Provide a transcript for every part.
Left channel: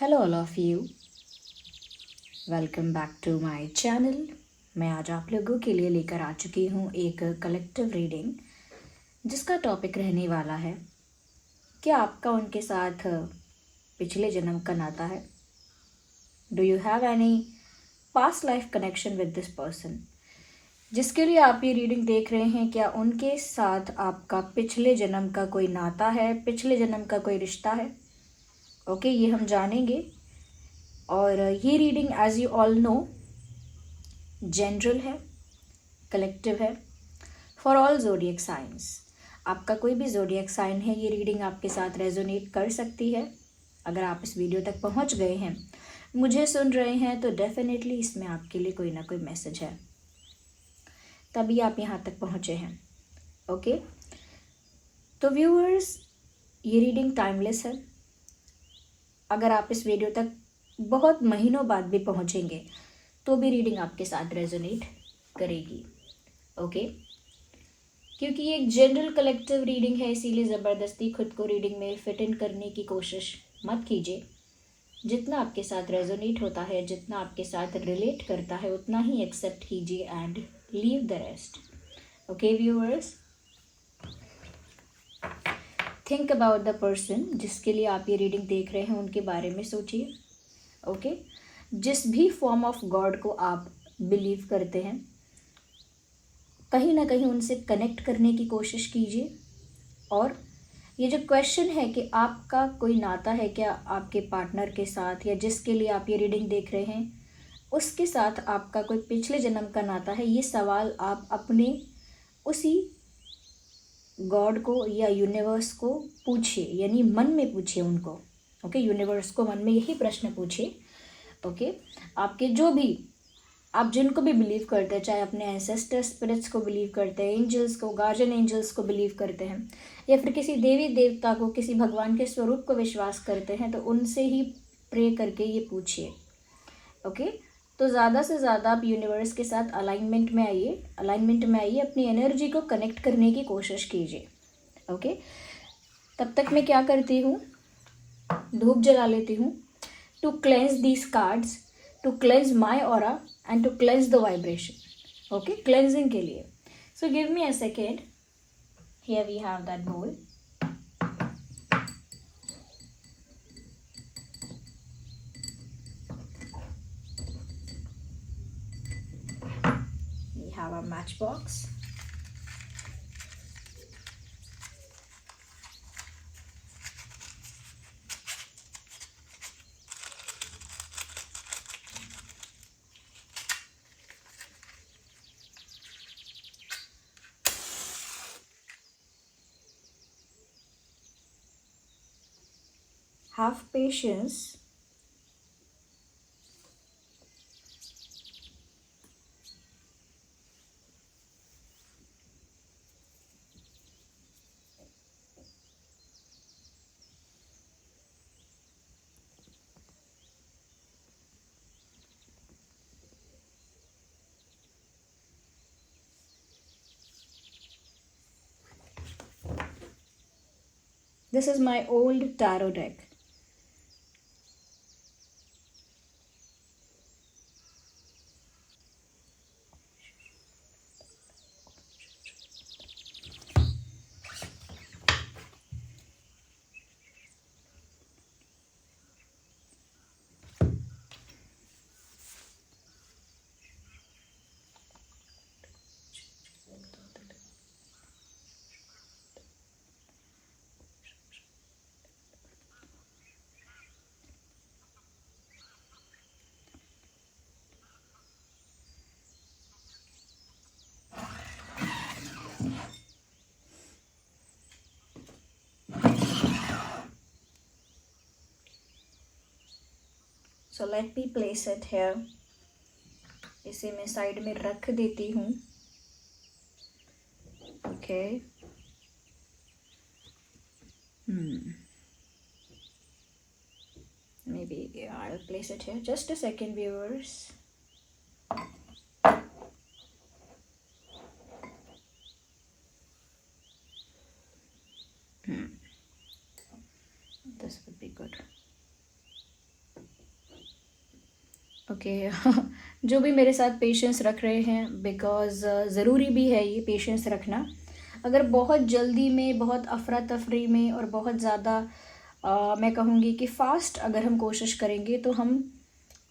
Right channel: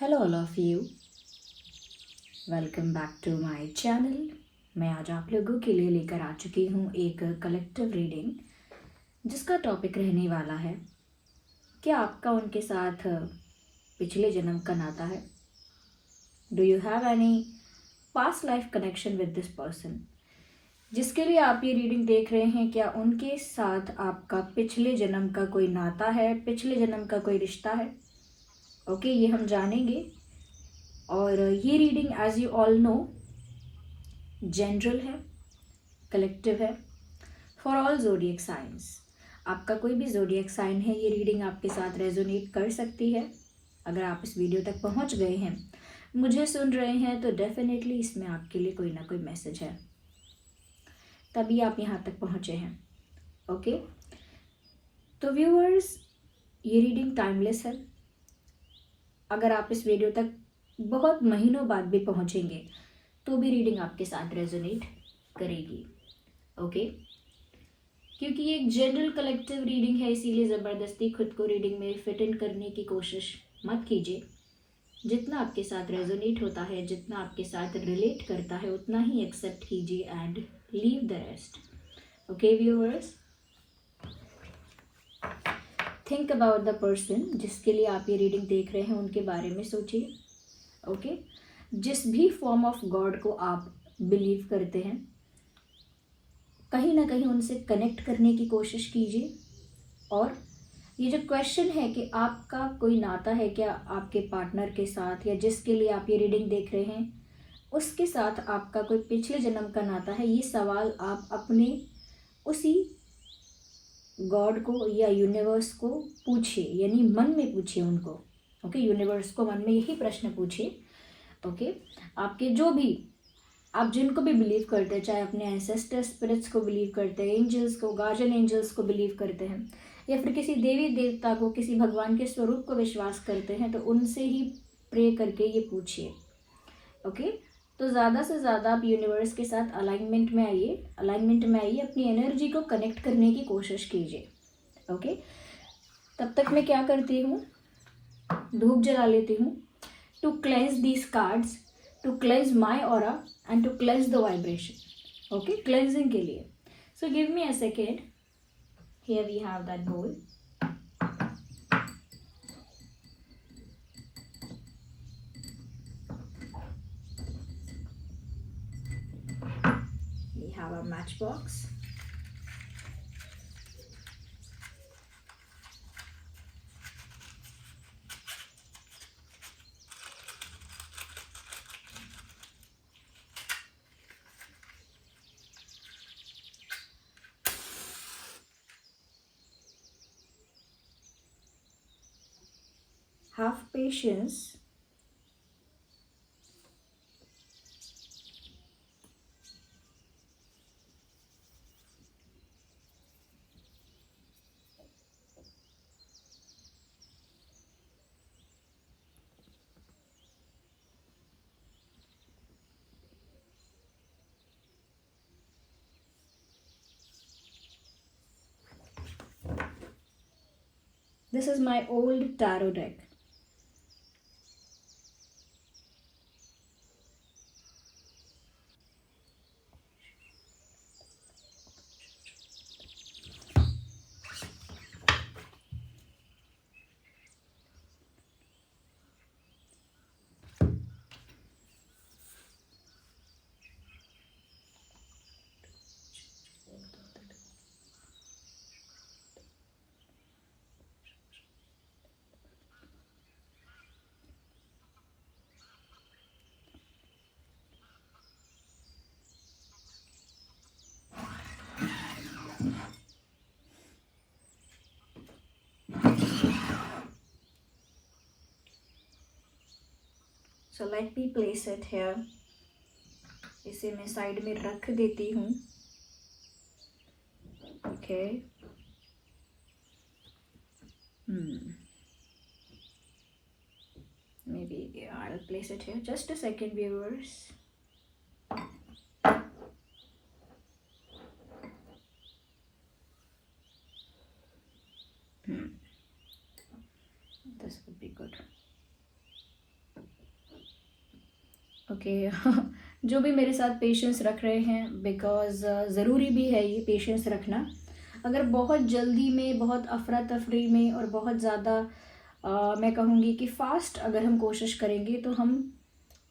Hello all of you, welcome back to my channel. मैं आज आप लोगों के लिए लेकर आ चुकी हूँ एक कलेक्टिव रीडिंग जिसका टॉपिक रहने वाला है, क्या आपका उनके साथ पिछले जन्म का नाता है? Do you have any past life connection with this person? जिसके लिए आप ये रीडिंग देख रहे हैं, क्या उनके साथ आपका पिछले जन्म का कोई नाता है, पिछले जन्म का कोई रिश्ता है? ओके, ये हम जानेंगे। और ये reading as you all know general है, कलेक्टिव है, फॉर ऑल जोडियक साइंस। आपका कोई भी जोडियक साइन है, ये रीडिंग आपके साथ रेजोनेट कर सकती है। अगर आप इस वीडियो तक पहुंच गए हैं, मुझे सुन रहे हैं, तो डेफिनेटली इसमें आपके लिए कोई ना कोई मैसेज है, तभी आप यहाँ तक पहुँचे हैं। ओके, तो व्यूअर्स, ये रीडिंग टाइमलेस है। अगर आप इस वीडियो तक बहुत महीनों बाद भी पहुँचेंगे तो भी रीडिंग आपके साथ रेजोनेट करेगी। ओके, क्योंकि ये एक जनरल कलेक्टिव रीडिंग है, इसीलिए ज़बरदस्ती खुद को रीडिंग में फिट इन करने की कोशिश मत कीजिए। जितना आपके साथ रेजोनेट होता है, जितना आपके साथ रिलेट करता है, उतना ही एक्सेप्ट कीजिए and leave the rest. Okay viewers, think about the person जिसके लिए आप ये रीडिंग देख रहे हैं, उनके बारे में सोचिए। ओके, जिस भी फॉर्म ऑफ गॉड को आप बिलीव करते हैं, कहीं ना कहीं उनसे कनेक्ट करने की कोशिश कीजिए। और ये जो क्वेश्चन है कि आपका कोई नाता है क्या आपके पार्टनर के साथ, या जिसके लिए आप ये रीडिंग देख रहे हैं उसके साथ आपका कोई पिछले जन्म का नाता है, ये सवाल आप अपने उसी गॉड को या यूनिवर्स को पूछिए, यानी मन में पूछिए उनको। ओके, यूनिवर्स को मन में यही प्रश्न पूछिए। ओके, आपके जो भी, आप जिनको भी बिलीव करते हैं, चाहे अपने एंसेस्टर स्पिरिट्स को बिलीव करते हैं, एंजल्स को, गार्जियन एंजल्स को बिलीव करते हैं, या फिर किसी देवी देवता को, किसी भगवान के स्वरूप को विश्वास करते हैं, तो उनसे ही प्रे करके ये पूछिए। ओके, तो ज़्यादा से ज़्यादा आप यूनिवर्स के साथ अलाइनमेंट में आइए, अपनी एनर्जी को कनेक्ट करने की कोशिश कीजिए। ओके, तब तक मैं क्या करती हूँ, धूप जला लेती हूँ to cleanse these cards, to cleanse my aura and to cleanse the vibration. Okay, cleansing के लिए। So give me a second. Here we have that bowl. We have a matchbox. Have patience. This is my old tarot deck. So let me place it here. इसे मैं side में रख देती हूँ। Okay, maybe I'll place it here. Just a second, viewers. This would be good. Okay जो भी मेरे साथ पेशेंस रख रहे हैं, बिकॉज़ ज़रूरी भी है ये पेशेंस रखना। अगर बहुत जल्दी में, बहुत अफरा तफरी में और बहुत ज़्यादा मैं कहूँगी कि फ़ास्ट अगर हम कोशिश करेंगे तो हम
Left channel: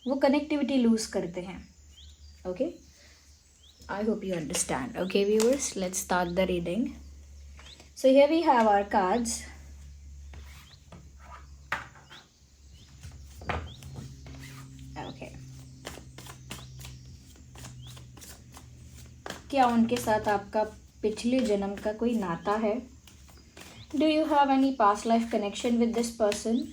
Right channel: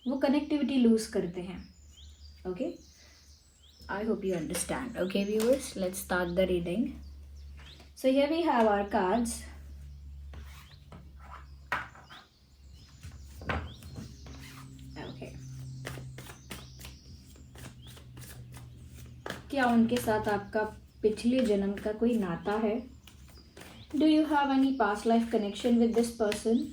वो कनेक्टिविटी लूज़ करते हैं। Okay, I hope you understand. Okay viewers, let's start the reading. So here we have our cards. Okay, क्या उनके साथ आपका पिछले जन्म का कोई नाता है? Do you have any past life connection with this person?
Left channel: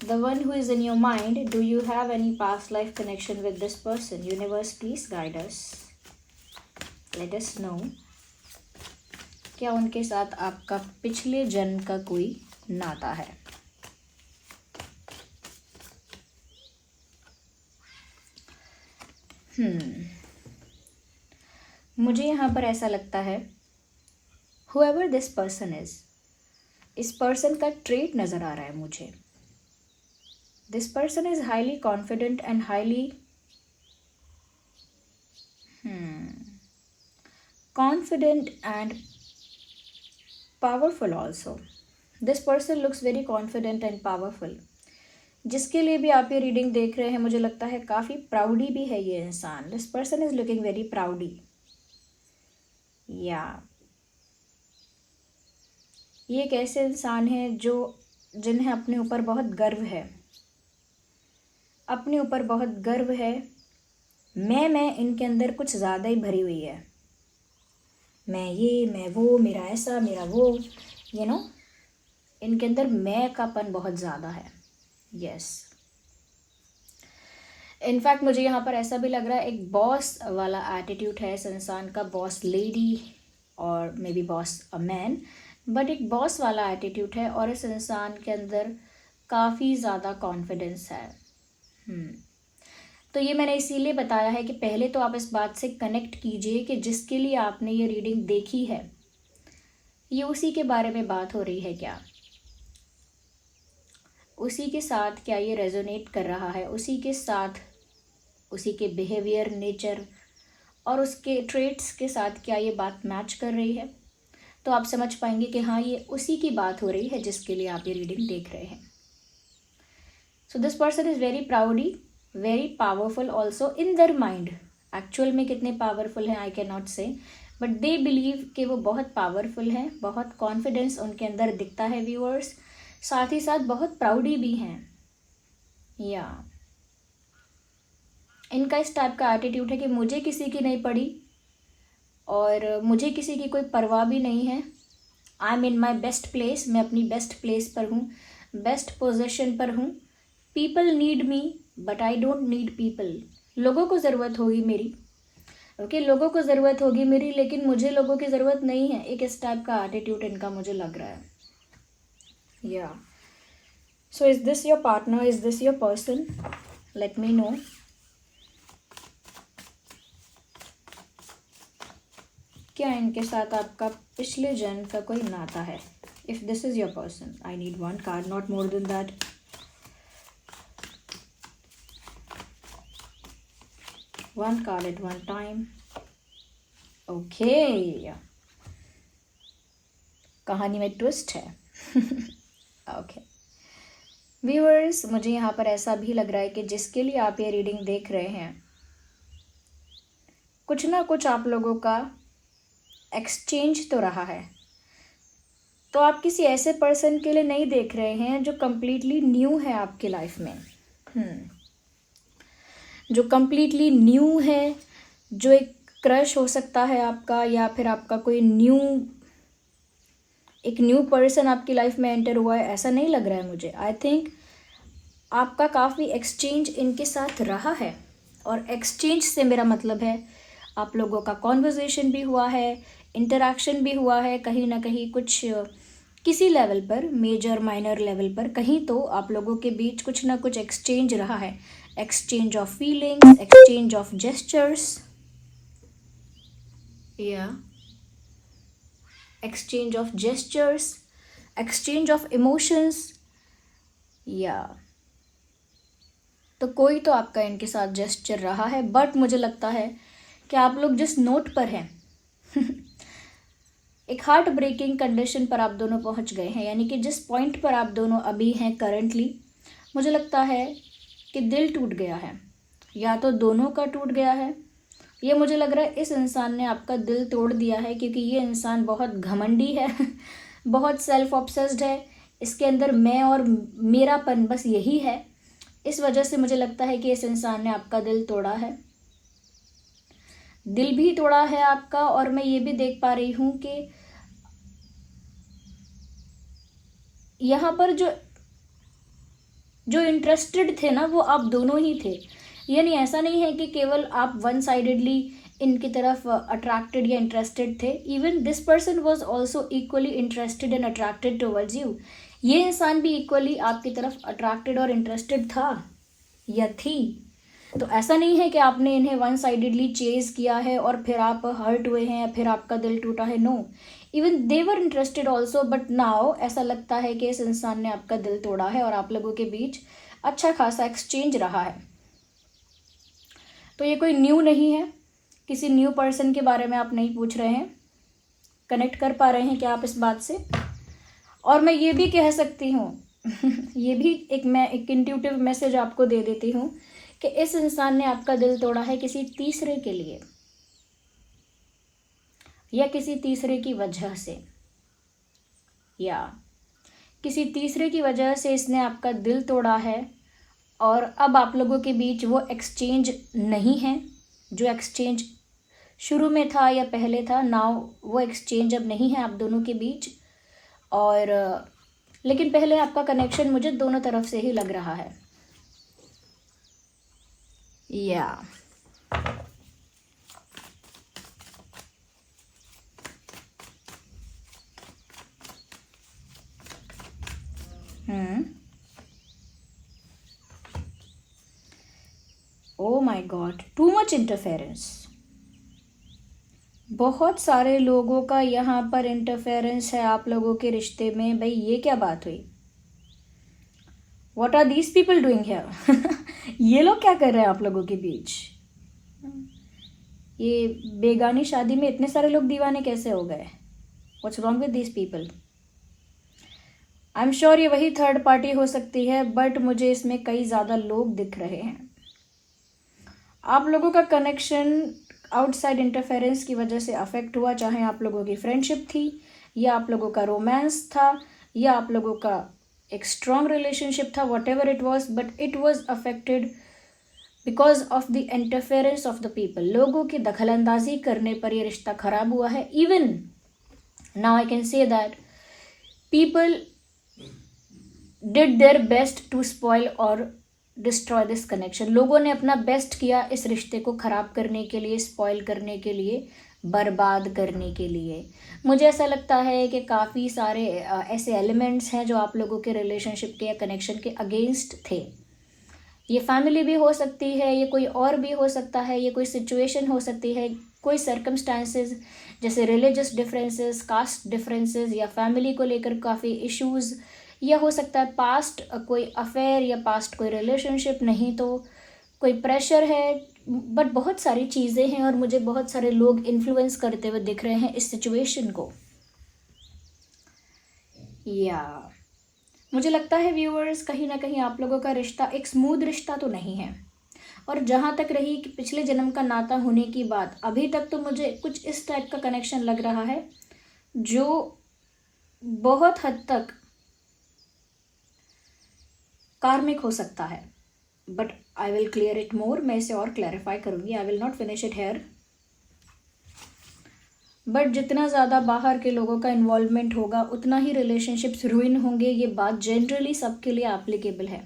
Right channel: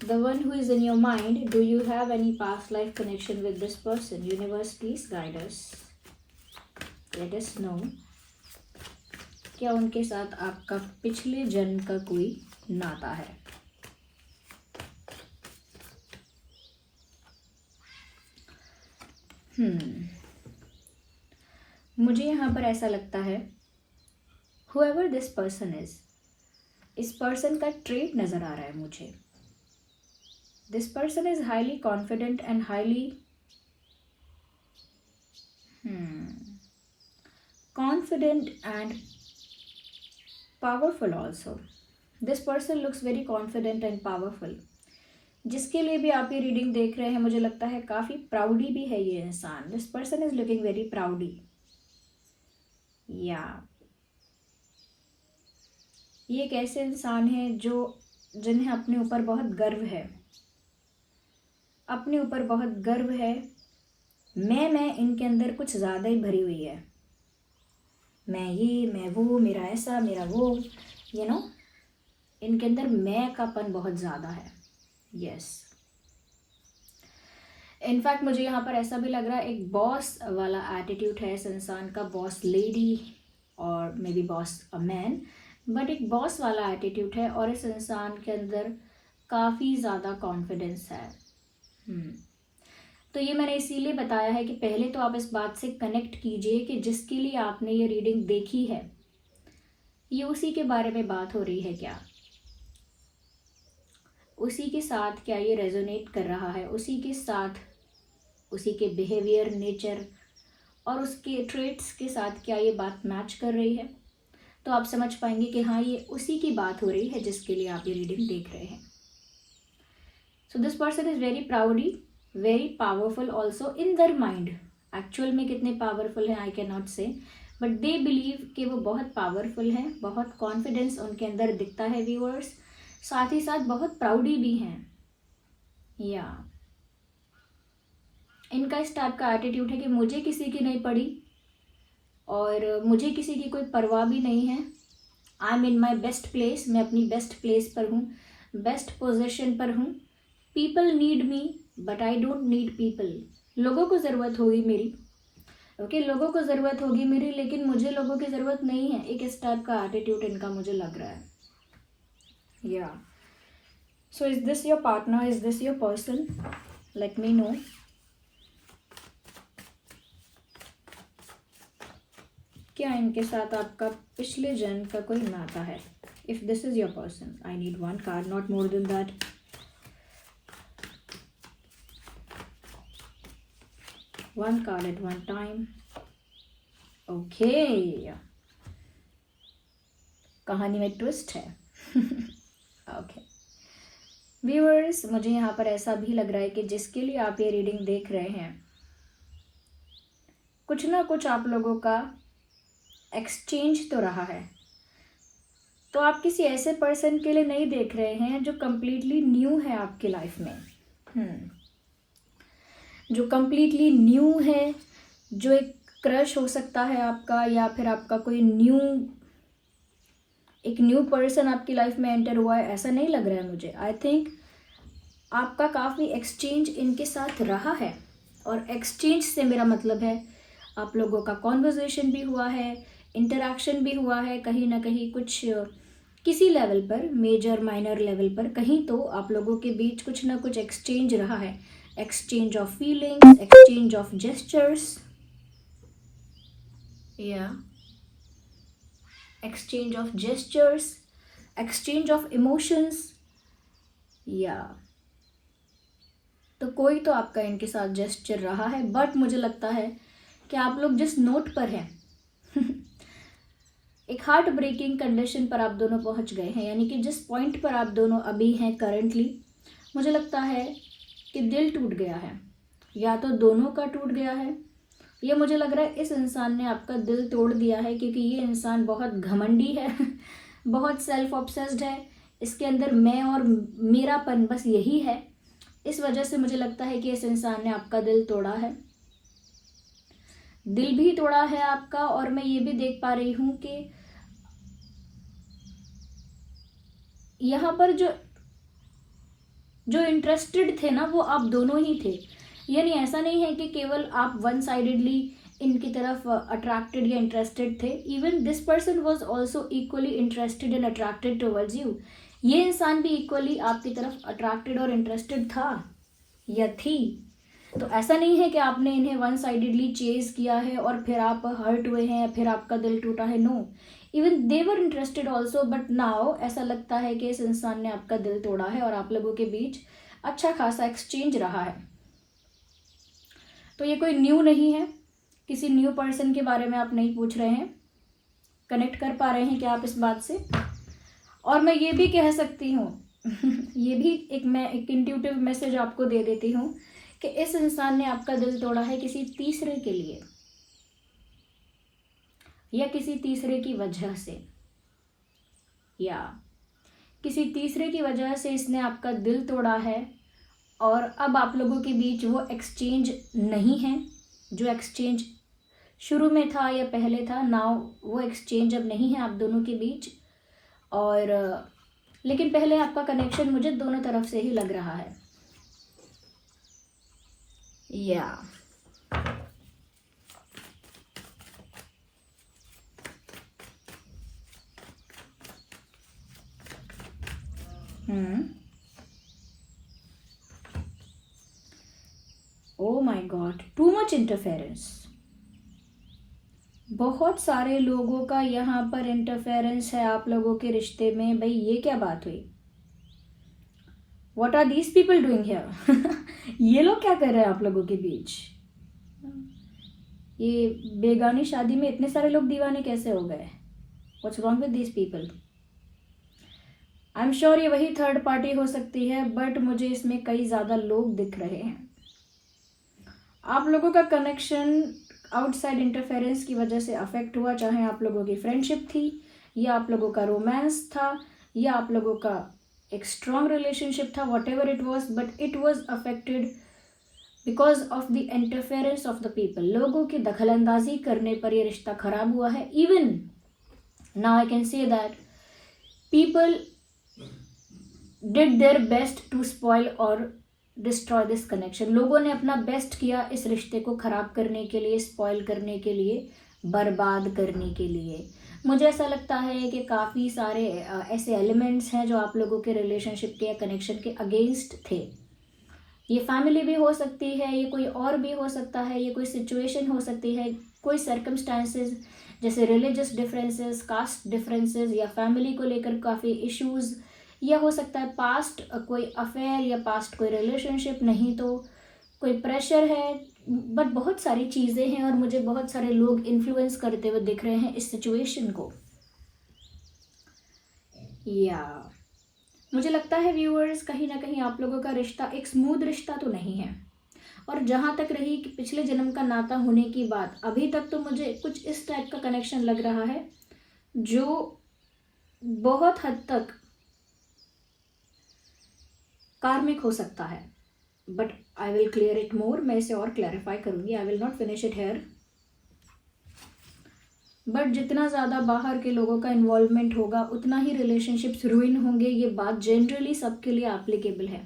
The one who is in your mind, do you have any past life connection with this person? Universe, please guide us. Let us know. क्या उनके साथ आपका पिछले जन्म का कोई नाता है? मुझे यहाँ पर ऐसा लगता है whoever this person is, इस पर्सन का ट्रेट नज़र आ रहा है मुझे। This person is highly confident and highly confident and powerful also. This person looks very confident and powerful. जिसके लिए भी आप ये रीडिंग देख रहे हैं, मुझे लगता है काफ़ी प्राउडी भी है ये इंसान। This person is looking very प्राउडी। या ये एक ऐसे इंसान हैं जिन्हें अपने ऊपर बहुत गर्व है, अपने ऊपर बहुत गर्व है। मैं इनके अंदर कुछ ज़्यादा ही भरी हुई है। मैं वो, मेरा ऐसा, मेरा वो, इनके अंदर मैं कापन बहुत ज़्यादा है। यस, इनफैक्ट मुझे यहाँ पर ऐसा भी लग रहा है एक बॉस वाला एटीट्यूड है इस इंसान का। बॉस लेडी और may be boss a man, but एक बॉस वाला एटीट्यूड है और इस इंसान के अंदर काफ़ी ज़्यादा कॉन्फिडेंस है। तो ये मैंने इसीलिए बताया है कि पहले तो आप इस बात से कनेक्ट कीजिए कि जिसके लिए आपने ये रीडिंग देखी है, ये उसी के बारे में बात हो रही है क्या? उसी के साथ क्या ये रेजोनेट कर रहा है? उसी के साथ, उसी के बिहेवियर, नेचर और उसके ट्रेट्स के साथ क्या ये बात मैच कर रही है? तो आप समझ पाएंगे कि हाँ, ये उसी की बात हो रही है जिसके लिए आप ये रीडिंग देख रहे हैं। So this person is very प्राउडी, very powerful also in their mind. Actual में कितने पावरफुल हैं आई कैन नॉट से, बट दे बिलीव कि वो बहुत पावरफुल हैं। बहुत कॉन्फिडेंस उनके अंदर दिखता है व्यूअर्स। साथ ही साथ बहुत प्राउडी भी हैं। या इनका इस टाइप का एटीट्यूड है कि मुझे किसी की नहीं पड़ी और मुझे किसी की कोई परवाह भी नहीं है। I am in my best place, मैं अपनी बेस्ट प्लेस पर हूँ, बेस्ट पोजीशन पर हूँ। People need me but I don't need people. लोगों को ज़रूरत होगी मेरी, ओके, लोगों को ज़रूरत होगी मेरी, लेकिन मुझे लोगों की ज़रूरत नहीं है। एक इस टाइप का एटीट्यूड इनका मुझे लग रहा है। या so is this your partner? Is this your person? Let me know. क्या इनके साथ आपका पिछले जन्म का कोई नाता है? If this is your person, I need one card, not more than that. One card at one time. Okay. कहानी में ट्विस्ट है। ओके व्यूअर्स, मुझे यहाँ पर ऐसा भी लग रहा है कि जिसके लिए आप ये रीडिंग देख रहे हैं, कुछ ना कुछ आप लोगों का एक्सचेंज तो रहा है। तो आप किसी ऐसे पर्सन के लिए नहीं देख रहे हैं जो कम्प्लीटली न्यू है आपकी लाइफ में। जो कम्प्लीटली न्यू है, जो एक क्रश हो सकता है आपका, या फिर आपका कोई एक न्यू पर्सन आपकी लाइफ में एंटर हुआ है, ऐसा नहीं लग रहा है मुझे। आई थिंक आपका काफ़ी एक्सचेंज इनके साथ रहा है, और एक्सचेंज से मेरा मतलब है आप लोगों का कॉन्वर्जेशन भी हुआ है, इंटरेक्शन भी हुआ है, कहीं ना कहीं कुछ किसी लेवल पर, मेजर माइनर लेवल पर, कहीं तो आप लोगों के बीच कुछ ना कुछ एक्सचेंज रहा है। Exchange of feelings, exchange of gestures, exchange of gestures, exchange of emotions, या तो कोई तो आपका इनके साथ जेस्चर रहा है, बट मुझे लगता है कि आप लोग जिस नोट पर हैं एक हार्ट ब्रेकिंग कंडीशन पर आप दोनों पहुंच गए हैं, यानी कि जिस पॉइंट पर आप दोनों अभी हैं करंटली, मुझे लगता है कि दिल टूट गया है, या तो दोनों का टूट गया है, ये मुझे लग रहा है इस इंसान ने आपका दिल तोड़ दिया है, क्योंकि ये इंसान बहुत घमंडी है बहुत सेल्फ ऑब्सेस्ड है, इसके अंदर मैं और मेरापन बस यही है। इस वजह से मुझे लगता है कि इस इंसान ने आपका दिल तोड़ा है, दिल भी तोड़ा है आपका। और मैं ये भी देख पा रही हूँ कि यहाँ पर जो इंटरेस्टेड थे ना, वो आप दोनों ही थे। यानी ऐसा नहीं है कि केवल आप वन साइडेडली इनकी तरफ अट्रैक्टेड या इंटरेस्टेड थे, even this person was also equally interested and attracted towards you. ये इंसान भी इक्वली आपकी तरफ अट्रैक्टेड और इंटरेस्टेड था या थी। तो ऐसा नहीं है कि आपने इन्हें वन साइडेडली चेज किया है और फिर आप हर्ट हुए हैं या फिर आपका दिल टूटा है। No, even they were interested also, but now ऐसा लगता है कि इस इंसान ने आपका दिल तोड़ा है और आप लोगों के बीच अच्छा खासा एक्सचेंज रहा है। तो ये कोई न्यू नहीं है, किसी न्यू पर्सन के बारे में आप नहीं पूछ रहे हैं। कनेक्ट कर पा रहे हैं क्या आप इस बात से? और मैं ये भी कह सकती हूँ ये भी मैं एक इंट्यूटिव मैसेज आपको दे देती हूँ कि इस इंसान ने आपका दिल तोड़ा है किसी तीसरे के लिए या किसी तीसरे की वजह से, या किसी तीसरे की वजह से इसने आपका दिल तोड़ा है। और अब आप लोगों के बीच वो एक्सचेंज नहीं है जो एक्सचेंज शुरू में था या पहले था। नाउ वो एक्सचेंज अब नहीं है आप दोनों के बीच। और लेकिन पहले आपका कनेक्शन मुझे दोनों तरफ से ही लग रहा है। या oh my God, too much interference. बहुत सारे लोगों का यहाँ पर इंटरफेरेंस है आप लोगों के रिश्ते में। भाई ये क्या बात हुई? What are these people doing here? ये लोग क्या कर रहे हैं आप लोगों के बीच? ये बेगानी शादी में इतने सारे लोग दीवाने कैसे हो गए? What's wrong with these people? I am sure ये वही थर्ड पार्टी हो सकती है, बट मुझे इसमें कई ज़्यादा लोग दिख रहे हैं। आप लोगों का कनेक्शन आउटसाइड इंटरफेरेंस की वजह से अफेक्ट हुआ, चाहे आप लोगों की फ्रेंडशिप थी या आप लोगों का रोमांस था या आप लोगों का एक स्ट्रॉन्ग रिलेशनशिप था, what ever it was, but it was affected because of the interference of the people. लोगों की दखलंदाजी करने पर यह रिश्ता खराब हुआ है। Even now I can say that people did their best to spoil और डिस्ट्रॉय दिस कनेक्शन। लोगों ने अपना बेस्ट किया इस रिश्ते को ख़राब करने के लिए, स्पॉइल करने के लिए, बर्बाद करने के लिए। मुझे ऐसा लगता है कि काफ़ी सारे ऐसे एलिमेंट्स हैं जो आप लोगों के रिलेशनशिप के या कनेक्शन के अगेंस्ट थे। ये फैमिली भी हो सकती है, ये कोई और भी हो सकता है, ये कोई सिचुएशन हो सकती है, कोई सर्कमस्टांसेस जैसे रिलीजियस डिफरेंसेस, कास्ट डिफरेंसेस या फैमिली को लेकर काफ़ी इश्यूज़, या हो सकता है पास्ट कोई अफेयर या पास्ट कोई रिलेशनशिप, नहीं तो कोई प्रेशर है। बट बहुत सारी चीज़ें हैं और मुझे बहुत सारे लोग इन्फ्लुएंस करते हुए दिख रहे हैं इस सिचुएशन को। या मुझे लगता है व्यूअर्स, कहीं ना कहीं आप लोगों का रिश्ता एक स्मूथ रिश्ता तो नहीं है। और जहाँ तक रही कि पिछले जन्म का नाता होने की बात, अभी तक तो मुझे कुछ इस टाइप का कनेक्शन लग रहा है जो बहुत हद तक कार्मिक हो सकता है। But I will clear it more, मैं इसे और क्लैरिफाई करूँगी। I will not finish it here. But जितना ज़्यादा बाहर के लोगों का इन्वॉल्वमेंट होगा उतना ही रिलेशनशिप्स रुइन होंगे। ये बात जनरली सबके लिए एप्लीकेबल है।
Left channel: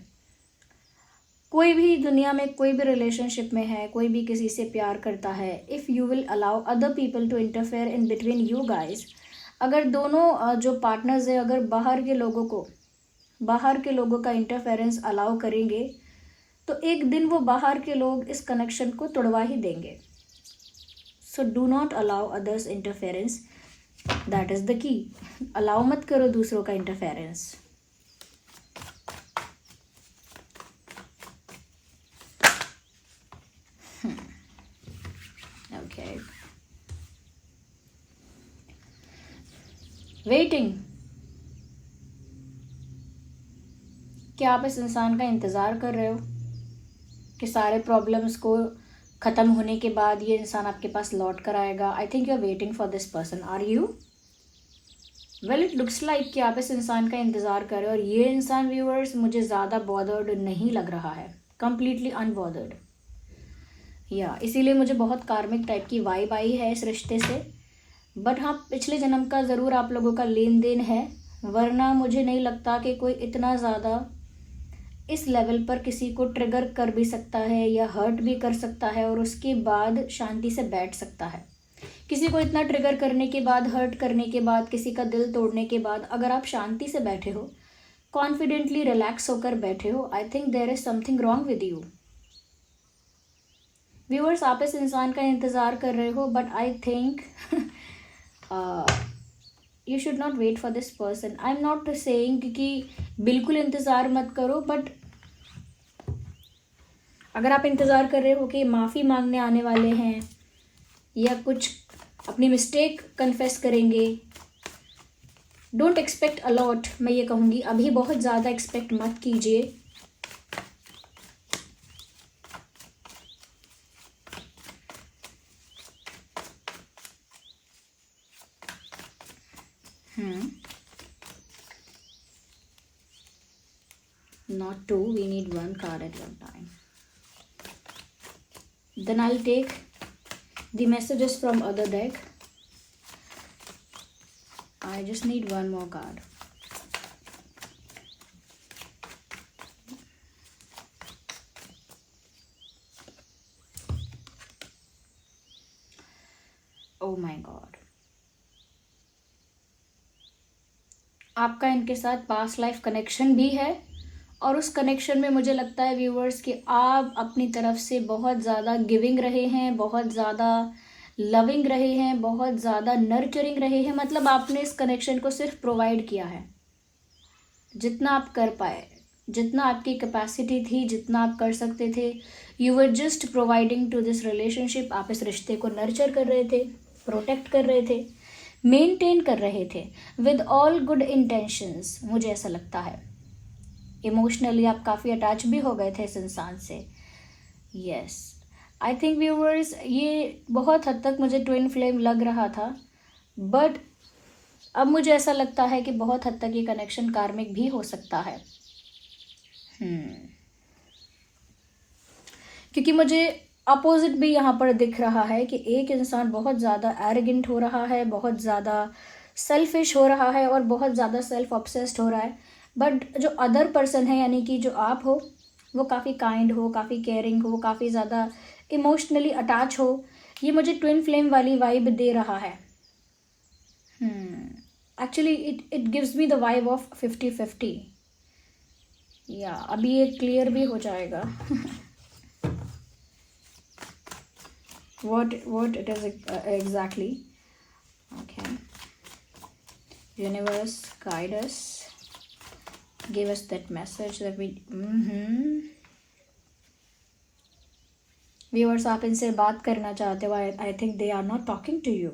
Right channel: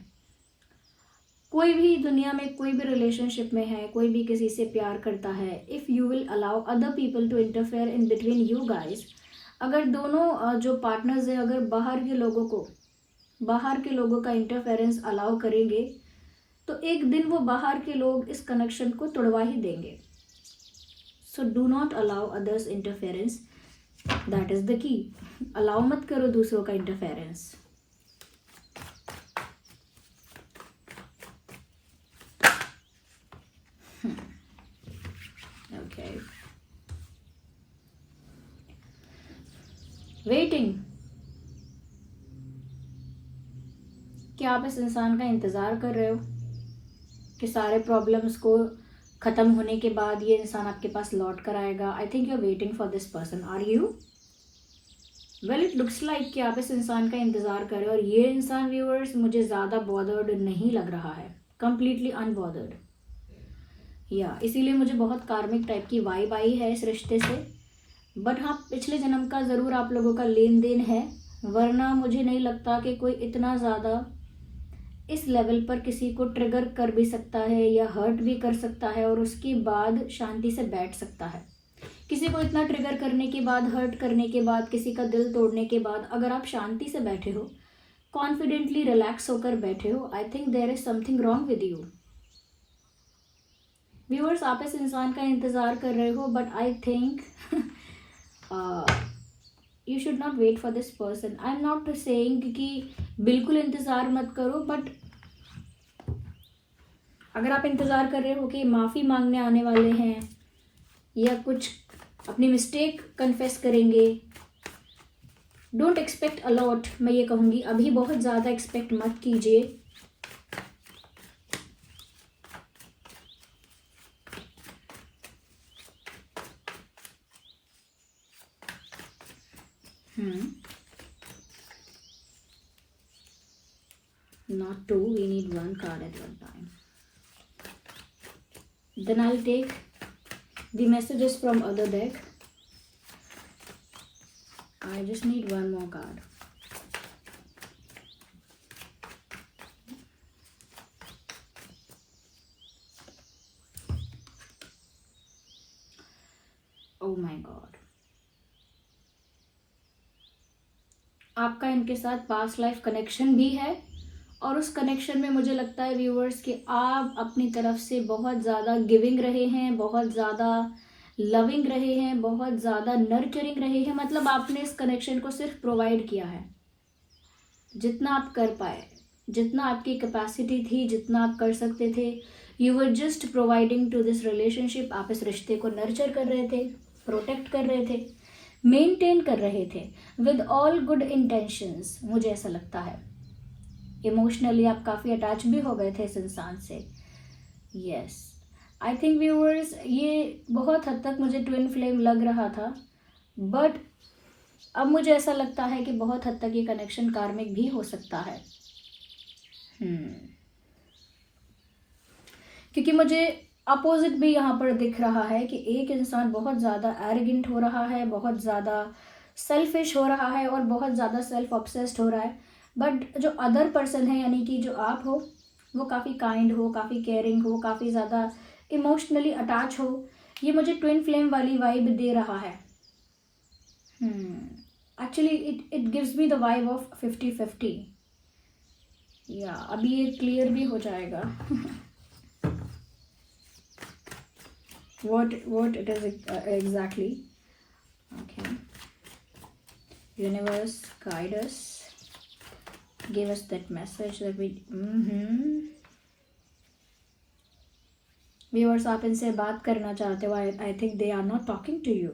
कोई भी दुनिया में कोई भी रिलेशनशिप में है, कोई भी किसी से प्यार करता है, if you will allow other people to interfere in between you guys, अगर दोनों जो पार्टनर्स हैं अगर बाहर के लोगों का इंटरफेरेंस अलाउ करेंगे तो एक दिन वो बाहर के लोग इस कनेक्शन को तोड़वा ही देंगे। So do not allow others interference, that is the key. Allow मत करो दूसरों का इंटरफेरेंस। वेटिंग। क्या आप इस इंसान का इंतज़ार कर रहे हो कि सारे प्रॉब्लम्स को ख़त्म होने के बाद ये इंसान आपके पास लौट कर आएगा? I think you are waiting for this person, are you? Well, it looks like कि आप इस इंसान का इंतज़ार कर रहे हो, और ये इंसान व्यूअर्स मुझे ज़्यादा बॉदर्ड नहीं लग रहा है, कंप्लीटली अनबॉदर्ड। या इसीलिए मुझे बहुत कार्मिक टाइप की वाइब आई है इस रिश्ते से। बट हाँ, पिछले जन्म का ज़रूर आप लोगों का लेन देन है, वरना मुझे नहीं लगता कि कोई इतना ज़्यादा इस लेवल पर किसी को ट्रिगर कर भी सकता है या हर्ट भी कर सकता है और उसके बाद शांति से बैठ सकता है। किसी को इतना ट्रिगर करने के बाद, हर्ट करने के बाद, किसी का दिल तोड़ने के बाद अगर आप शांति से बैठे हो, कॉन्फिडेंटली रिलैक्स होकर बैठे हो, I think there is something wrong with you. Viewers, आप इस इंसान का इंतज़ार कर रहे हो, but I think you should not wait for this person. I am not saying कि बिल्कुल इंतज़ार मत करो, बट अगर आप इंतज़ार कर रहे हो कि माफ़ी मांगने आने वाले हैं या कुछ अपनी मिस्टेक कन्फेस करेंगे, डोंट एक्सपेक्ट अलॉट। मैं ये कहूँगी अभी बहुत ज़्यादा एक्सपेक्ट मत कीजिए। Not two, we need one card at one time. Then I'll take the messages from other deck. I just need one more card. Oh my God. आपका इनके साथ पास्ट लाइफ कनेक्शन भी है, और उस कनेक्शन में मुझे लगता है व्यूअर्स कि आप अपनी तरफ से बहुत ज़्यादा गिविंग रहे हैं, बहुत ज़्यादा लविंग रहे हैं, बहुत ज़्यादा नर्चरिंग रहे हैं। मतलब आपने इस कनेक्शन को सिर्फ प्रोवाइड किया है, जितना आप कर पाए, जितना आपकी कैपेसिटी थी, जितना आप कर सकते थे। You were just providing to this relationship. आप इस रिश्ते को नर्चर कर रहे थे, प्रोटेक्ट कर रहे थे, मेंटेन कर रहे थे विद ऑल गुड इंटेंशंस। मुझे ऐसा लगता है इमोशनली आप काफ़ी अटैच भी हो गए थे इस इंसान से। यस, आई थिंक व्यूअर्स ये बहुत हद तक मुझे ट्विन फ्लेम लग रहा था, बट अब मुझे ऐसा लगता है कि बहुत हद तक ये कनेक्शन कार्मिक भी हो सकता है। क्योंकि मुझे अपोजिट भी यहाँ पर दिख रहा है कि एक इंसान बहुत ज़्यादा एरोगेंट हो रहा है, बहुत ज़्यादा सेल्फिश हो रहा है और बहुत ज़्यादा सेल्फ ऑब्सेस्ड हो रहा है। बट जो अदर पर्सन है, यानी कि जो आप हो, वो काफ़ी काइंड हो, काफ़ी केयरिंग हो, काफ़ी ज़्यादा इमोशनली अटैच हो। ये मुझे ट्विन फ्लेम वाली वाइब दे रहा है। Actually it gives me the vibe of 50-50। या अभी ये क्लियर भी हो जाएगा what it is exactly. Okay, universe, guide us, give us that message that we viewers, आप इनसे बात करना चाहते हो। I think they are not talking to you.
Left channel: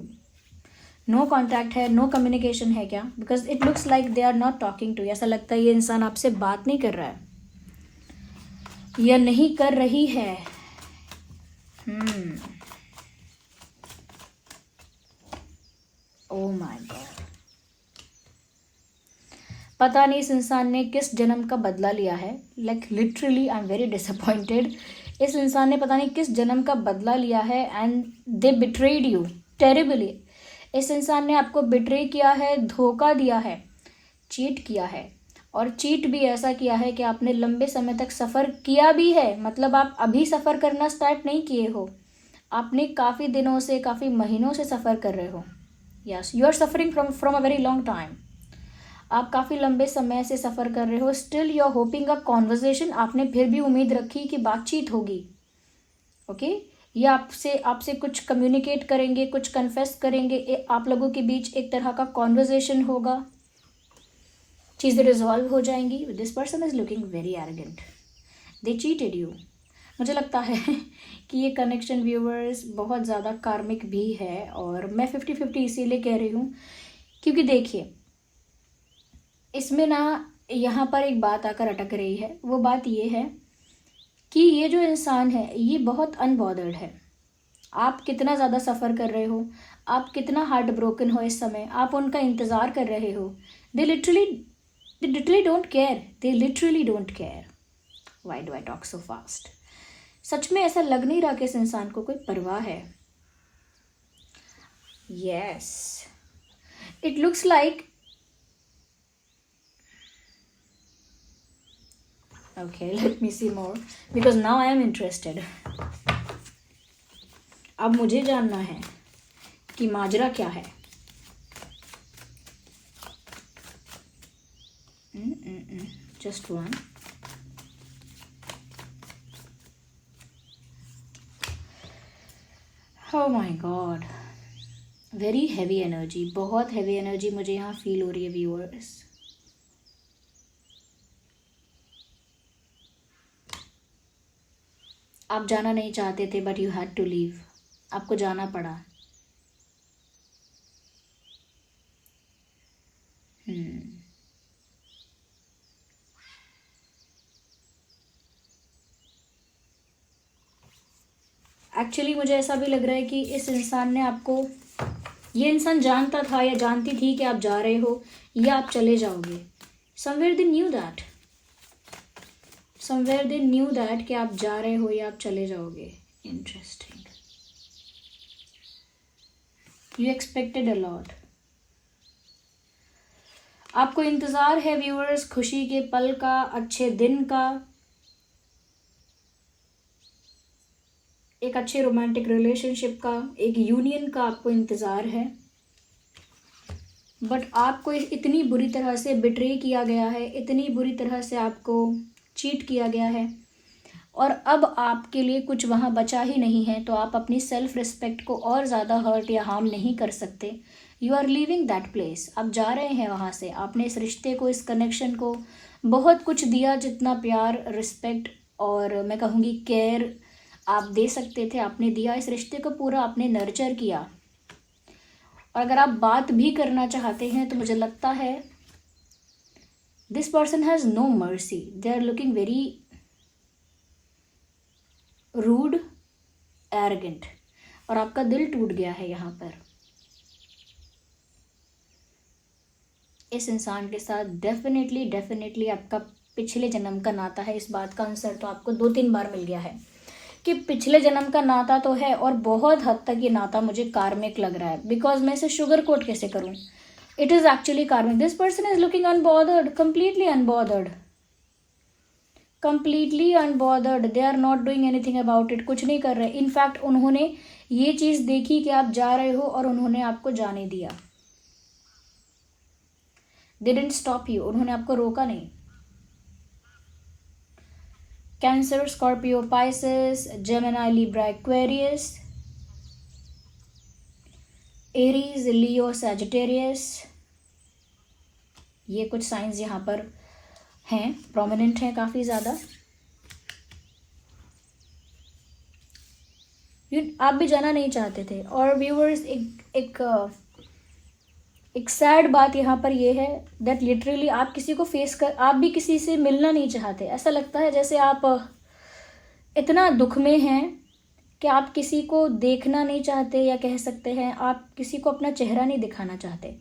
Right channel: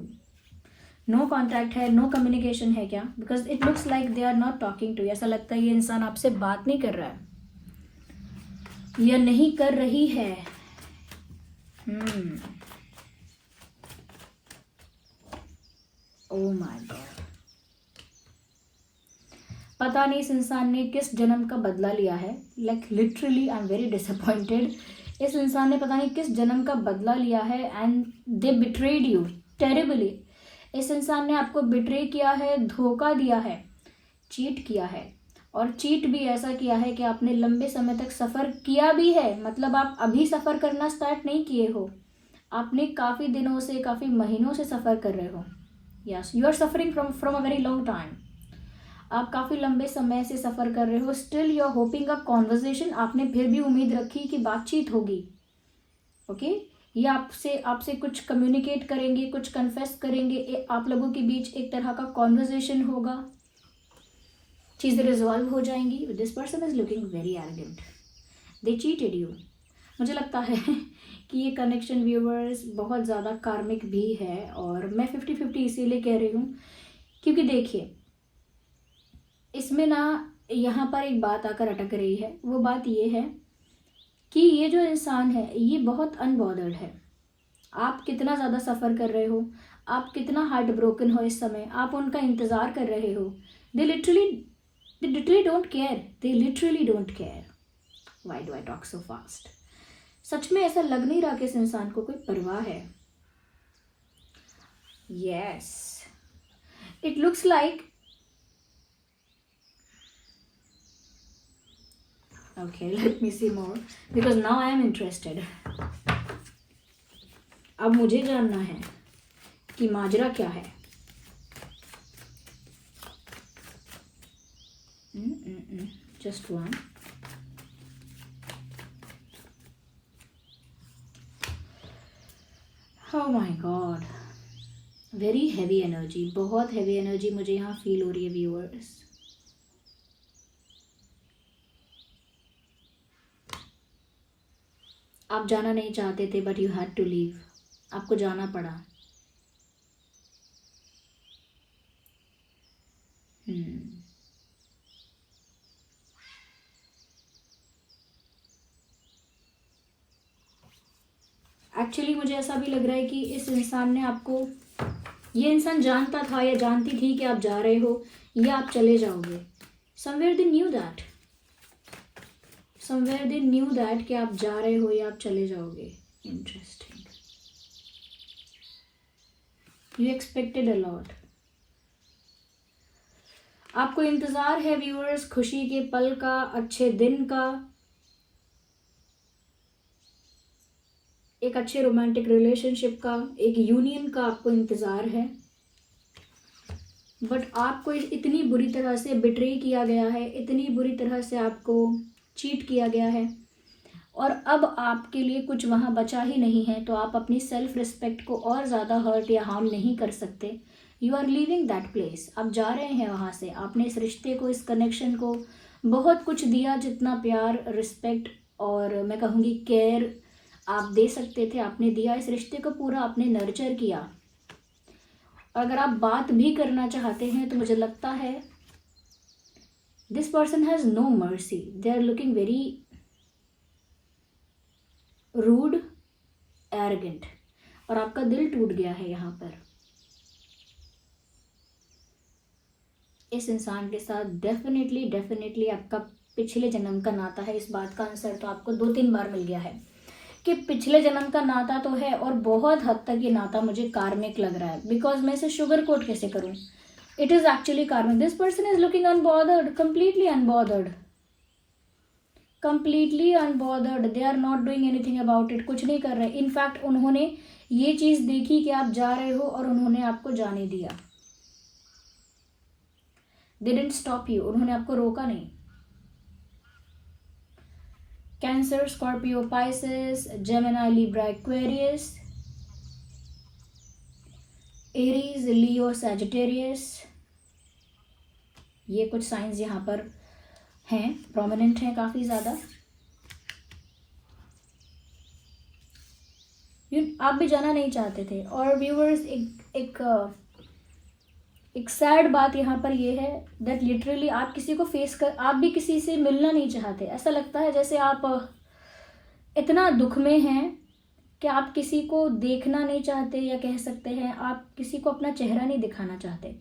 No contact है, नो कम्युनिकेशन है क्या? Because it looks like they are not talking to. ऐसा लगता है ये इंसान आपसे बात नहीं कर रहा है या नहीं कर रही है। ओह माय गॉड, पता नहीं इस इंसान ने किस जन्म का बदला लिया है। Like literally I am very disappointed. इस इंसान ने पता नहीं किस जन्म का बदला लिया है, and they betrayed you terribly. इस इंसान ने आपको बिट्रे किया है, धोखा दिया है, चीट किया है, और चीट भी ऐसा किया है कि आपने लंबे समय तक सफ़र किया भी है। मतलब आप अभी सफ़र करना स्टार्ट नहीं किए हो, आपने काफ़ी दिनों से, काफ़ी महीनों से सफ़र कर रहे हो। Yes, you are suffering from a very long time. आप काफ़ी लंबे समय से सफ़र कर रहे हो। Still you are hoping a conversation. आपने फिर भी उम्मीद रखी कि बातचीत होगी। ओके, या आपसे कुछ कम्युनिकेट करेंगे, कुछ कन्फेस करेंगे, आप लोगों के बीच एक तरह का कॉन्वर्जेशन होगा, चीज़ें रिजॉल्व हो जाएंगी। This person is looking very arrogant, they cheated you. मुझे लगता है कि ये कनेक्शन व्यूअर्स बहुत ज़्यादा कार्मिक भी है, और मैं 50-50 इसीलिए कह रही हूँ क्योंकि देखिए, इसमें ना यहाँ पर एक बात आकर अटक रही है। वो बात ये है कि ये जो इंसान है ये बहुत अनबॉदर्ड है। आप कितना ज़्यादा सफ़र कर रहे हो, आप कितना हार्ट ब्रोकन हो इस समय, आप उनका इंतज़ार कर रहे हो। They literally don't care, they literally don't care. Why do I talk so fast? सच में ऐसा लग नहीं रहा कि इस इंसान को कोई परवाह है। Yes, it looks like okay, let me see more because now I am interested. अब मुझे जानना है कि माजरा क्या है। Just one. Oh my God, very heavy energy, बहुत हैवी एनर्जी मुझे यहाँ फील हो रही है व्यूअर्स। आप जाना नहीं चाहते थे but you had to leave, आपको जाना पड़ा। एक्चुअली मुझे ऐसा भी लग रहा है कि इस इंसान ने आपको, ये इंसान जानता था या जानती थी कि आप जा रहे हो या आप चले जाओगे। Somewhere they knew that, somewhere they knew that कि आप जा रहे हो या आप चले जाओगे। Interesting, you expected a lot. आपको इंतज़ार है व्यूअर्स खुशी के पल का, अच्छे दिन का, एक अच्छे रोमांटिक रिलेशनशिप का, एक यूनियन का आपको इंतज़ार है। बट आपको इतनी बुरी तरह से बिट्रे किया गया है, इतनी बुरी तरह से आपको चीट किया गया है और अब आपके लिए कुछ वहाँ बचा ही नहीं है। तो आप अपनी सेल्फ रिस्पेक्ट को और ज़्यादा हर्ट या हार्म नहीं कर सकते। You are leaving that place, आप जा रहे हैं वहाँ से। आपने इस रिश्ते को, इस कनेक्शन को बहुत कुछ दिया, जितना प्यार, रिस्पेक्ट और मैं कहूँगी केयर आप दे सकते थे आपने दिया। इस रिश्ते को पूरा आपने नर्चर किया। और अगर आप बात भी करना चाहते हैं तो मुझे लगता है this person has no mercy, they are looking very rude, arrogant, और आपका दिल टूट गया है यहाँ पर। इस इंसान के साथ डेफिनेटली आपका पिछले जन्म का नाता है। इस बात का आंसर तो आपको 2-3 बार मिल गया है कि पिछले जन्म का नाता तो है, और बहुत हद तक ये नाता मुझे कार्मिक लग रहा है। बिकॉज मैं इसे शुगर कोट कैसे करूँ, it is actually karmic. This person is looking unbothered, completely unbothered. They are not doing anything about it, कुछ नहीं कर रहे। इनफैक्ट उन्होंने ये चीज़ देखी कि आप जा रहे हो और उन्होंने आपको जाने दिया। दे डिडंट स्टॉप यू, उन्होंने आपको रोका नहीं। Cancer, Scorpio, Pisces, Gemini, Libra, Aquarius, Aries, Leo, Sagittarius, ये कुछ साइंस यहाँ पर हैं, प्रोमिनेंट हैं काफ़ी ज़्यादा। आप भी जाना नहीं चाहते थे। और व्यूअर्स, एक सैड बात यहाँ पर ये है दैट लिटरली आप किसी को फेस कर, आप भी किसी से मिलना नहीं चाहते। ऐसा लगता है जैसे आप इतना दुख में हैं कि आप किसी को देखना नहीं चाहते, या कह सकते हैं आप किसी को अपना चेहरा नहीं दिखाना चाहते।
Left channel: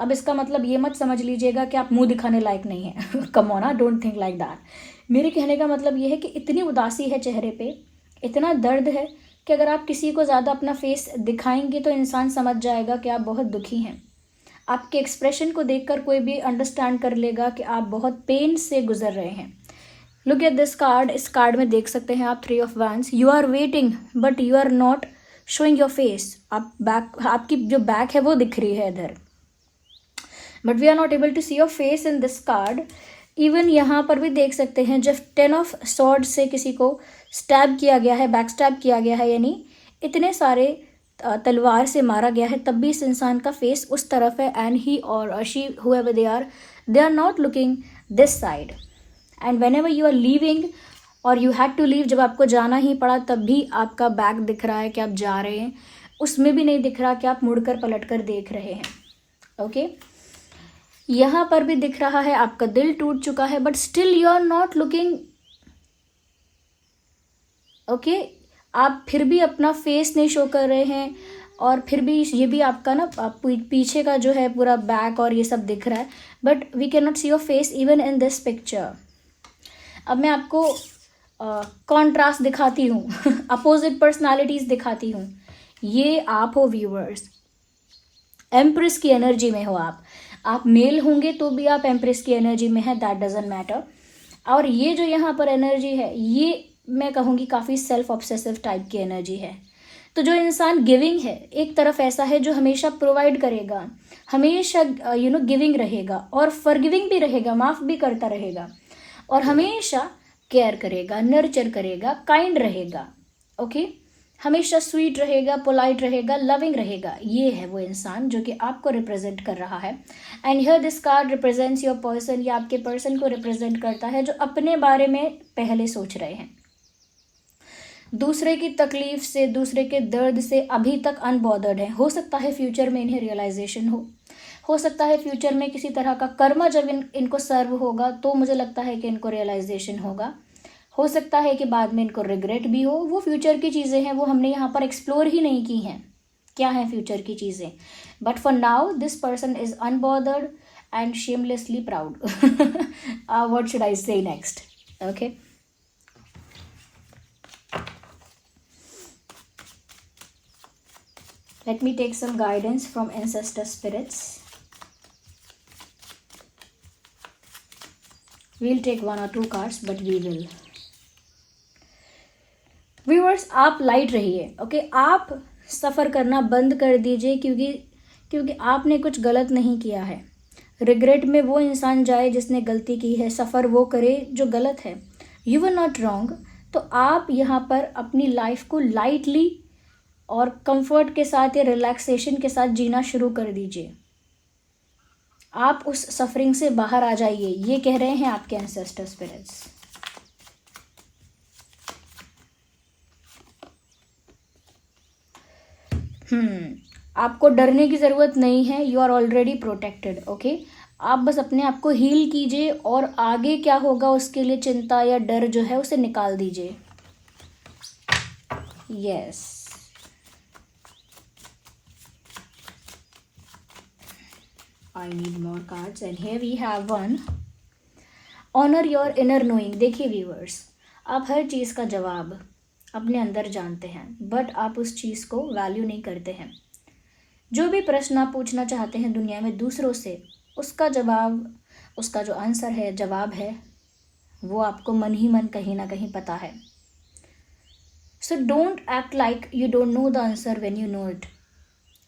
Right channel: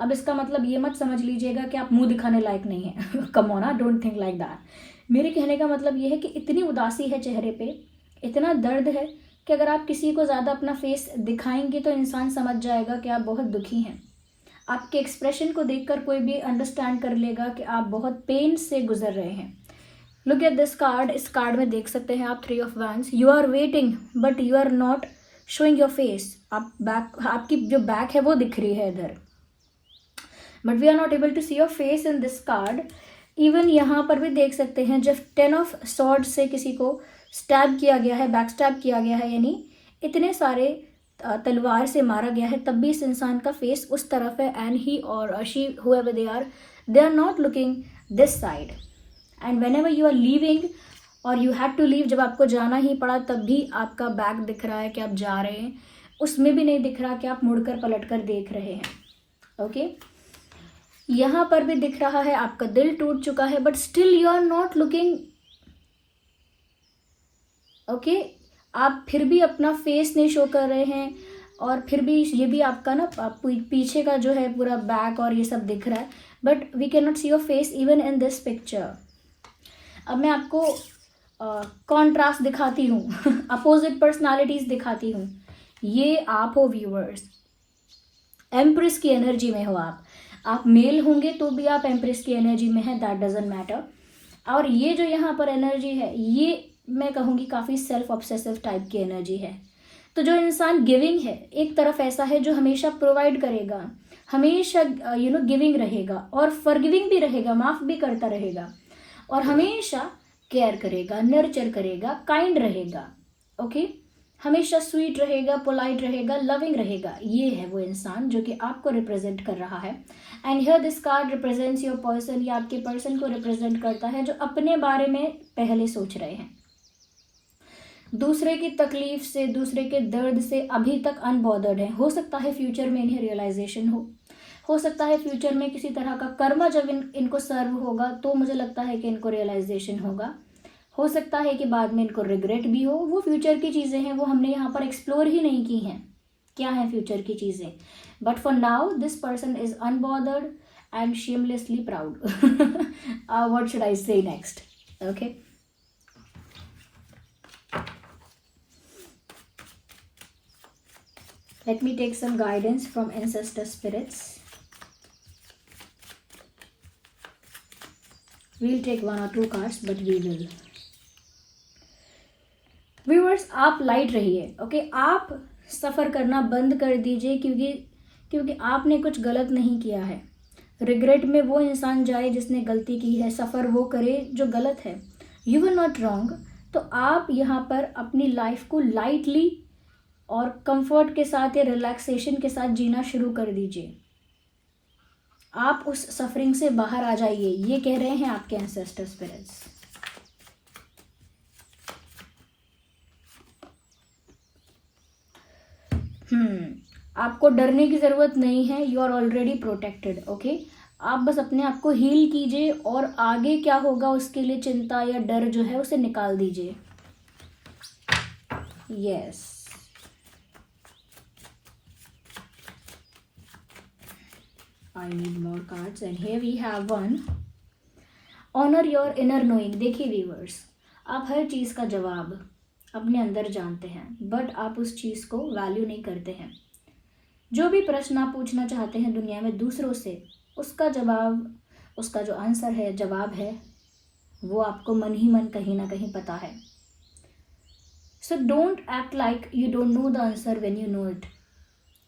अब इसका मतलब ये मत समझ लीजिएगा कि आप मुंह दिखाने लायक नहीं हैं। Come on, don't think like that. मेरे कहने का मतलब ये है कि इतनी उदासी है चेहरे पे, इतना दर्द है कि अगर आप किसी को ज़्यादा अपना फेस दिखाएंगे तो इंसान समझ जाएगा कि आप बहुत दुखी हैं। आपके एक्सप्रेशन को देखकर कोई भी अंडरस्टैंड कर लेगा कि आप बहुत पेन से गुजर रहे हैं। Look at this card. इस कार्ड में देख सकते हैं आप 3 of wands. You are waiting but you are not showing your face. आपकी जो बैक है वो दिख रही है इधर, but we are not able to see your face in this card. Even यहाँ पर भी देख सकते हैं जब 10 ऑफ सॉर्ड से किसी को स्टैब किया गया है, बैक स्टैब किया गया है, यानी इतने सारे तलवार से मारा गया है, तब भी इस इंसान का फेस उस तरफ है। एंड ही और she whoever they are not looking this side. And whenever you are leaving और you had to leave, जब आपको जाना ही पड़ा, तब भी आपका बैक दिख रहा है कि आप जा रहे हैं, उसमें भी नहीं दिख रहा कि आप मुड़कर पलट कर देख रहे हैं। ओके, यहाँ पर भी दिख रहा है आपका दिल टूट चुका है, but still you are not looking okay. आप फिर भी अपना फेस नहीं शो कर रहे हैं, और फिर भी ये भी आपका ना पीछे का जो है पूरा बैक और ये सब दिख रहा है, but we can not see your face even in this picture. अब मैं आपको कॉन्ट्रास्ट दिखाती हूँ अपोजिट पर्सनालिटीज दिखाती हूँ। ये आप हो व्यूअर्स, एम्प्रेस की एनर्जी में हो आप मेल होंगे तो भी आप एम्प्रेस की एनर्जी में है, दैट डजंट मैटर। और ये जो यहाँ पर एनर्जी है, ये मैं कहूँगी काफ़ी सेल्फ ऑब्सेसिव टाइप की एनर्जी है। तो जो इंसान गिविंग है, एक तरफ ऐसा है जो हमेशा प्रोवाइड करेगा, हमेशा गिविंग रहेगा और फॉरगिविंग भी रहेगा, माफ़ भी करता रहेगा, और हमेशा केयर करेगा, नर्चर करेगा, काइंड रहेगा, ओके, हमेशा स्वीट रहेगा, पोलाइट रहेगा, लविंग रहेगा। ये है वो इंसान जो कि आपको रिप्रेजेंट कर रहा है। And here this card represents your person, या आपके पर्सन को रिप्रेजेंट करता है जो अपने बारे में पहले सोच रहे हैं, दूसरे की तकलीफ से, दूसरे के दर्द से अभी तक अनबॉदर्ड है। हो सकता है फ्यूचर में इन्हें रियलाइजेशन हो सकता है फ्यूचर में किसी तरह का कर्म जब इनको सर्व होगा तो मुझे लगता है कि इनको रियलाइजेशन होगा। हो सकता है कि बाद में इनको रिग्रेट भी हो। वो फ्यूचर की चीज़ें हैं, वो हमने यहाँ पर एक्सप्लोर ही नहीं की हैं, क्या हैं फ्यूचर की चीज़ें। But for now this person is unbothered and shamelessly proud. What should I say next? Okay, let me take some guidance from ancestor spirits. We'll take one or two cards, but we will. Viewers, आप light रहिए, okay. आप सफ़र करना बंद कर दीजिए, क्योंकि आपने कुछ गलत नहीं किया है। रिग्रेट में वो इंसान जाए जिसने गलती की है, सफ़र वो करे जो गलत है। You are not wrong. तो आप यहाँ पर अपनी लाइफ को लाइटली और कंफर्ट के साथ या रिलैक्सेशन के साथ जीना शुरू कर दीजिए। आप उस सफरिंग से बाहर आ जाइए, ये कह रहे हैं आपके एंसेस्टर स्पिरिट्स। आपको डरने की ज़रूरत नहीं है, you are already protected, okay. आप बस अपने आप को हील कीजिए और आगे क्या होगा उसके लिए चिंता या डर जो है उसे निकाल दीजिए। Yes, I need more cards and here we have one. Honor your inner knowing. देखिए व्यूअर्स, आप हर चीज़ का जवाब अपने अंदर जानते हैं, बट आप उस चीज़ को वैल्यू नहीं करते हैं। जो भी प्रश्न आप पूछना चाहते हैं दुनिया में दूसरों से, उसका जवाब, उसका जो आंसर है, जवाब है, वो आपको मन ही मन कहीं ना कहीं पता है। So don't act like you don't know the answer when you know it.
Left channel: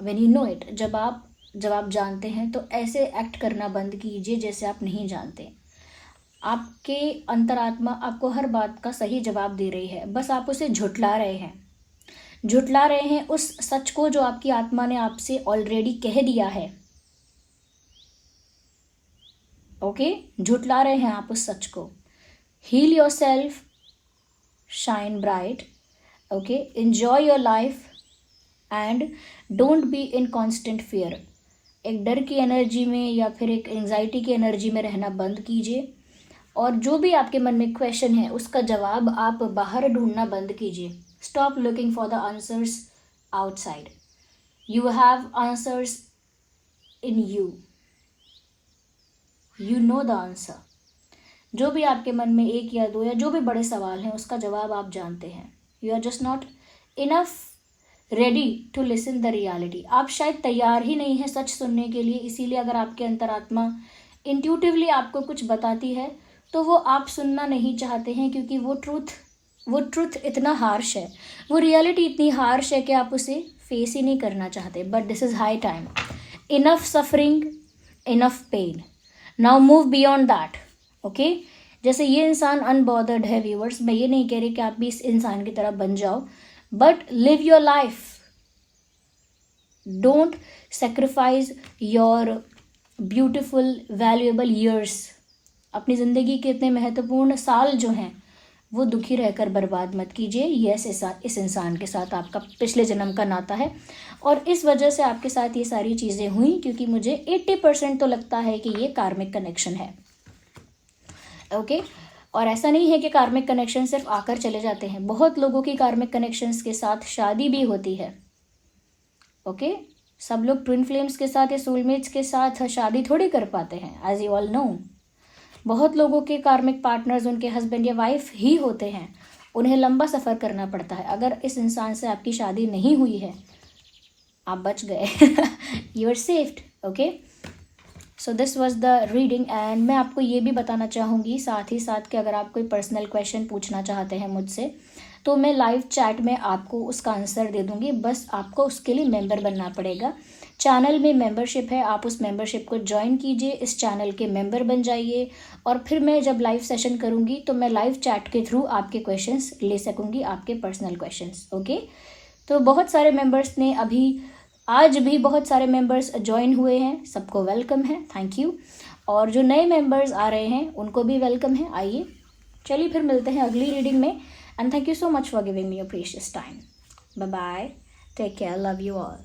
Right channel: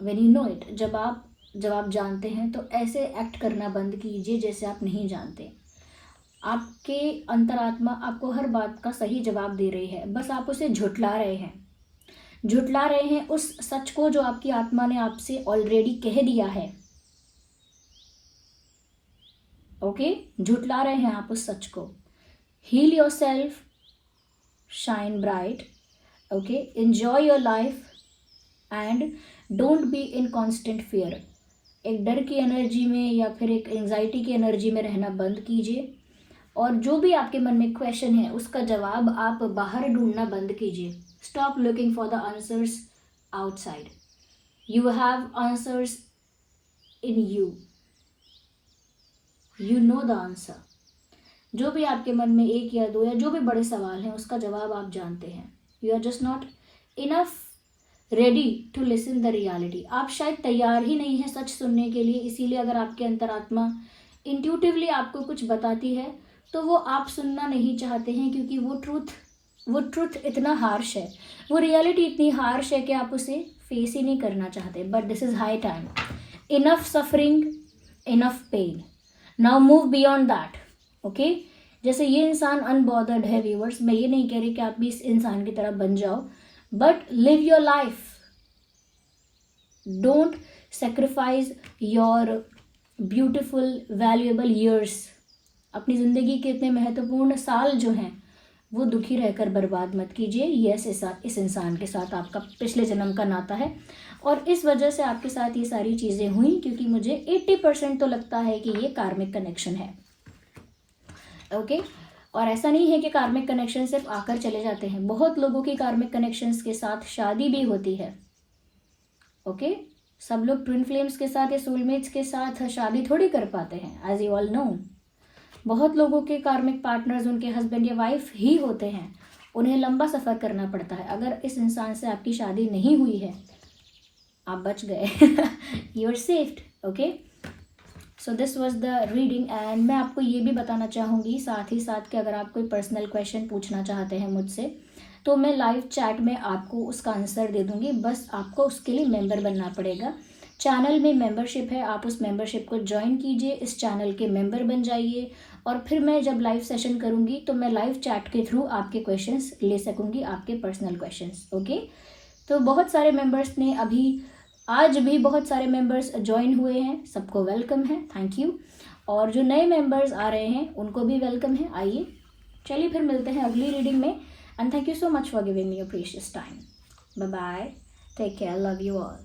When you know it, जब आप जवाब जानते हैं तो ऐसे एक्ट करना बंद कीजिए जैसे आप नहीं जानते। आपके अंतरात्मा आपको हर बात का सही जवाब दे रही है, बस आप उसे झुठला रहे हैं उस सच को जो आपकी आत्मा ने आपसे ऑलरेडी कह दिया है, ओके। झुठला रहे हैं आप उस सच को। Heal yourself, shine bright, okay, enjoy your life and don't be in constant fear. एक डर की एनर्जी में या फिर एक एंजाइटी की एनर्जी में रहना बंद कीजिए, और जो भी आपके मन में क्वेश्चन है उसका जवाब आप बाहर ढूंढना बंद कीजिए। Stop looking for the answers outside, you have answers in you, you know the answer. जो भी आपके मन में एक या दो या जो भी बड़े सवाल हैं उसका जवाब आप जानते हैं। You are just not enough ready to listen the reality. आप शायद तैयार ही नहीं है सच सुनने के लिए, इसीलिए अगर आपके अंतरात्मा इंट्यूटिवली आपको कुछ बताती है तो वो आप सुनना नहीं चाहते हैं, क्योंकि वो ट्रुथ इतना हार्श है, वो रियलिटी इतनी हार्श है कि आप उसे फेस ही नहीं करना चाहते। But this is high time, enough suffering, enough pain, now move beyond that, okay. जैसे ये इंसान अनबॉदर्ड है व्यूअर्स, मैं ये नहीं कह रही कि आप भी इस इंसान की तरह बन जाओ, but live your life. Don't sacrifice your beautiful valuable years. अपनी ज़िंदगी के इतने महत्वपूर्ण साल जो हैं वो दुखी रहकर बर्बाद मत कीजिए। यस, इस इंसान के साथ आपका पिछले जन्म का नाता है और इस वजह से आपके साथ ये सारी चीज़ें हुई, क्योंकि मुझे 80% तो लगता है कि ये कार्मिक कनेक्शन है। ओके, और ऐसा नहीं है कि कार्मिक कनेक्शन सिर्फ आकर चले जाते हैं, बहुत लोगों की कार्मिक कनेक्शंस के साथ शादी भी होती है। ओके, सब लोग ट्विन फ्लेम्स के साथ या सोलमेट्स के साथ शादी थोड़ी कर पाते हैं, एज यू ऑल नो। बहुत लोगों के कार्मिक पार्टनर्स उनके हस्बैंड या वाइफ ही होते हैं, उन्हें लंबा सफ़र करना पड़ता है। अगर इस इंसान से आपकी शादी नहीं हुई है, आप बच गए, you are saved. Okay, so this was the reading and मैं आपको ये भी बताना चाहूँगी साथ ही साथ कि अगर आप कोई पर्सनल क्वेश्चन पूछना चाहते हैं मुझसे, तो मैं लाइव चैट में आपको उसका आंसर दे दूँगी। बस आपको उसके लिए मेंबर बनना पड़ेगा। चैनल में मेंबरशिप है, आप उस मेंबरशिप को ज्वाइन कीजिए, इस चैनल के मेंबर बन जाइए और फिर मैं जब लाइव सेशन करूँगी तो मैं लाइव चैट के थ्रू आपके क्वेश्चंस ले सकूँगी, आपके पर्सनल क्वेश्चंस। ओके, तो बहुत सारे मेंबर्स ने आज भी बहुत सारे मेंबर्स ज्वाइन हुए हैं, सबको वेलकम है, थैंक यू। और जो नए मेंबर्स आ रहे हैं उनको भी वेलकम है, आइए। चलिए फिर मिलते हैं अगली रीडिंग में and thank you so much for giving me your precious time. Bye bye, take care, love you all.